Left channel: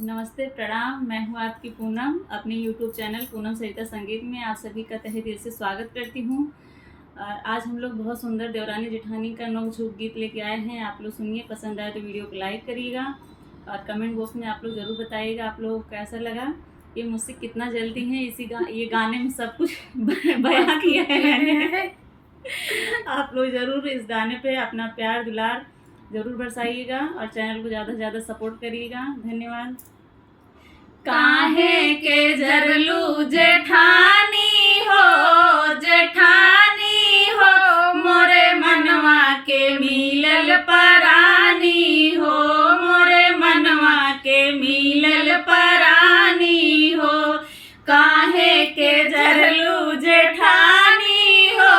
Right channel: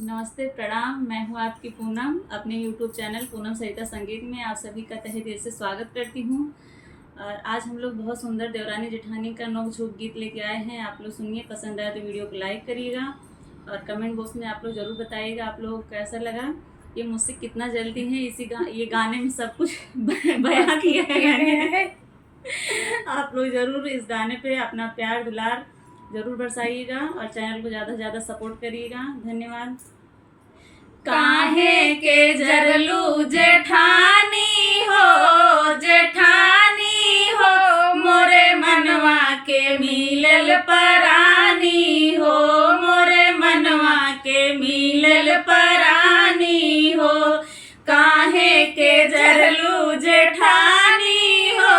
नमस्ते, प्रणाम। मैं हूं आपकी पूनम। अपने YouTube चैनल पूनम सरिता संगीत में आप सभी का तहे दिल से स्वागत करती हूं। आज हम लोग बहुत सुंदर देवरानी जेठानी का नोक झोंक गीत लेके आए हैं। आप लोग सुनिए, पसंद आए तो वीडियो को लाइक करिएगा और कमेंट बॉक्स में आप लोग ज़रूर बताइएगा आप लोगों को कैसा लगा। ये मुझसे कितना जल्दी है, ये गाने में सब कुछ बयां किया है। आप लोग ज़रूर इस गाने पे अपना प्यार दुलार ज़रूर बरसाइएगा और चैनल को ज़्यादा से ज़्यादा सपोर्ट करिएगा। धन्यवाद। काहे के जरलू जेठानी हो मोरे मनवा के मिलल परानी हो, मोरे मनवा के मिलल परानी हो। काहे के जरलू जेठानी हो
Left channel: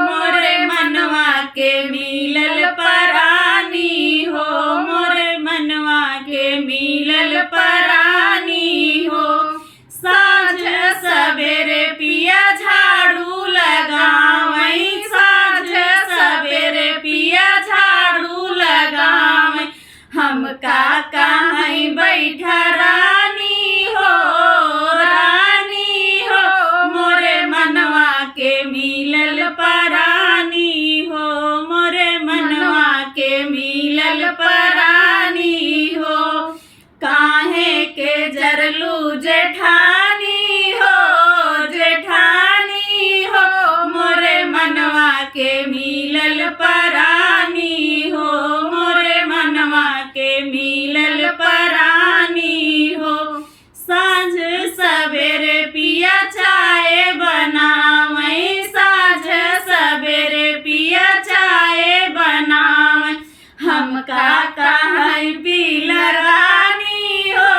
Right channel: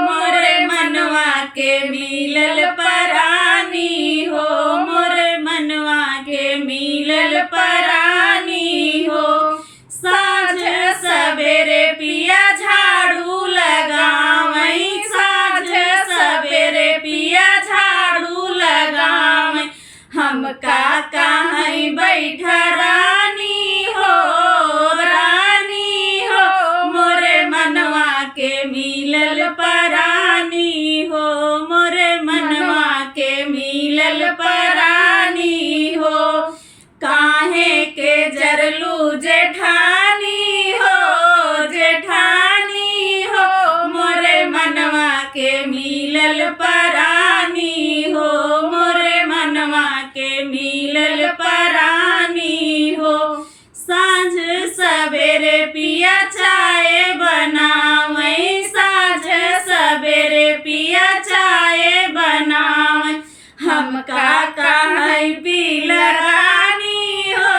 मोरे मनवा के मिलल परानी हो, मोरे मनवा के मिलल परानी हो। साँझ सवेरे पिया झाड़ू लगावई, साँझ सवेरे पिया झाड़ू लगावई। हम का कहीं बैठा रानी हो मोरे मनवा के मिलल परानी हो, मोरे मनवा के मिलल परानी हो। काहे के जरलू जेठानी हो मोरे मनवा के मिलल परानी हो, मोरे मनवा के मिलल परानी हो। साँझ सवेरे पिया चाय बनावई, साँझ सवेरे पिया चाय बनावई। हम का कहीं पील रानी हो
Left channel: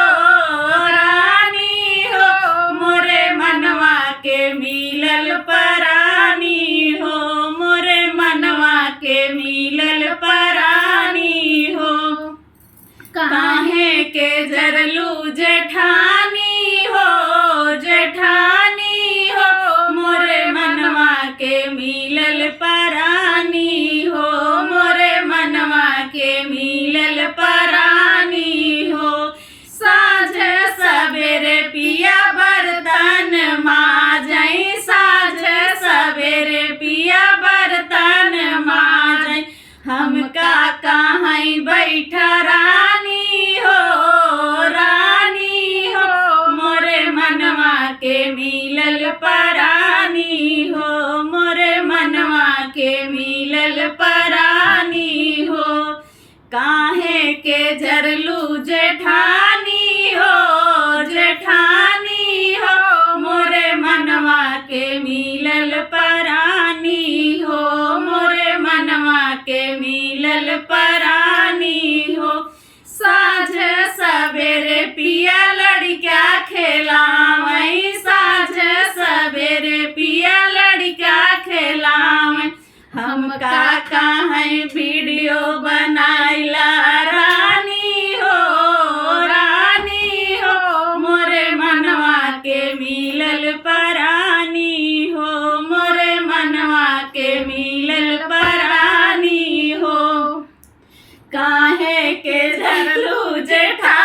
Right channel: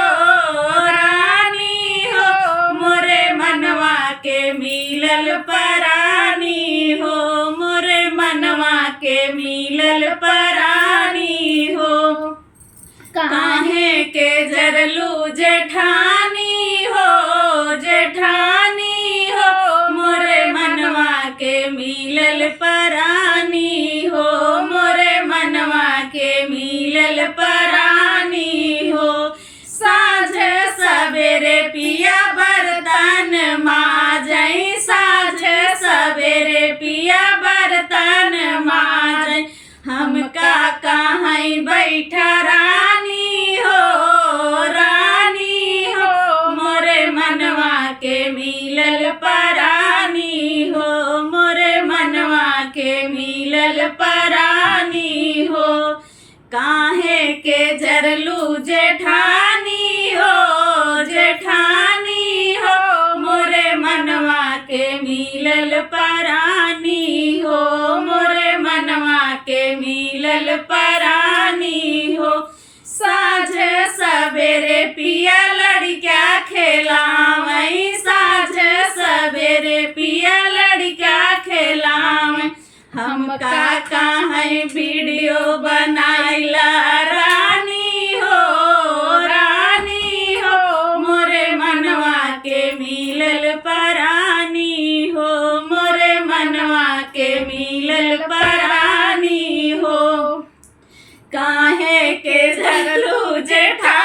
मोरे मनवा के मिलल परानी हो, मोरे मनवा के मिलल परानी हो। काहे के जरलू जेठानी हो मोरे मनवा के मिलल परानी हो, मोरे मनवा के मिलल परानी हो। साँझ सवेरे पिया बर्तन माजई, साँझ सवेरे पिया बर्तन माजई। हम का कहीं बैठा रानी हो मोरे मनवा के मिलल परानी हो, मोरे मनवा के मिलल परानी हो। काहे के जरलू जेठानी हो मोरे मनवा के मिलल परानी हो, मोरे मनवा के मिलल परानी हो। साँझ सवेरे पिया लड़का खेलावई, साँझ सवेरे पिया लड़का खेलावई। हम का कहीं वीडियो बनाइला रानी हो मोरे मनवा के मिलल परानी हो, मोरे मनवा के मिलल परानी हो। काहे के जरलू जेठा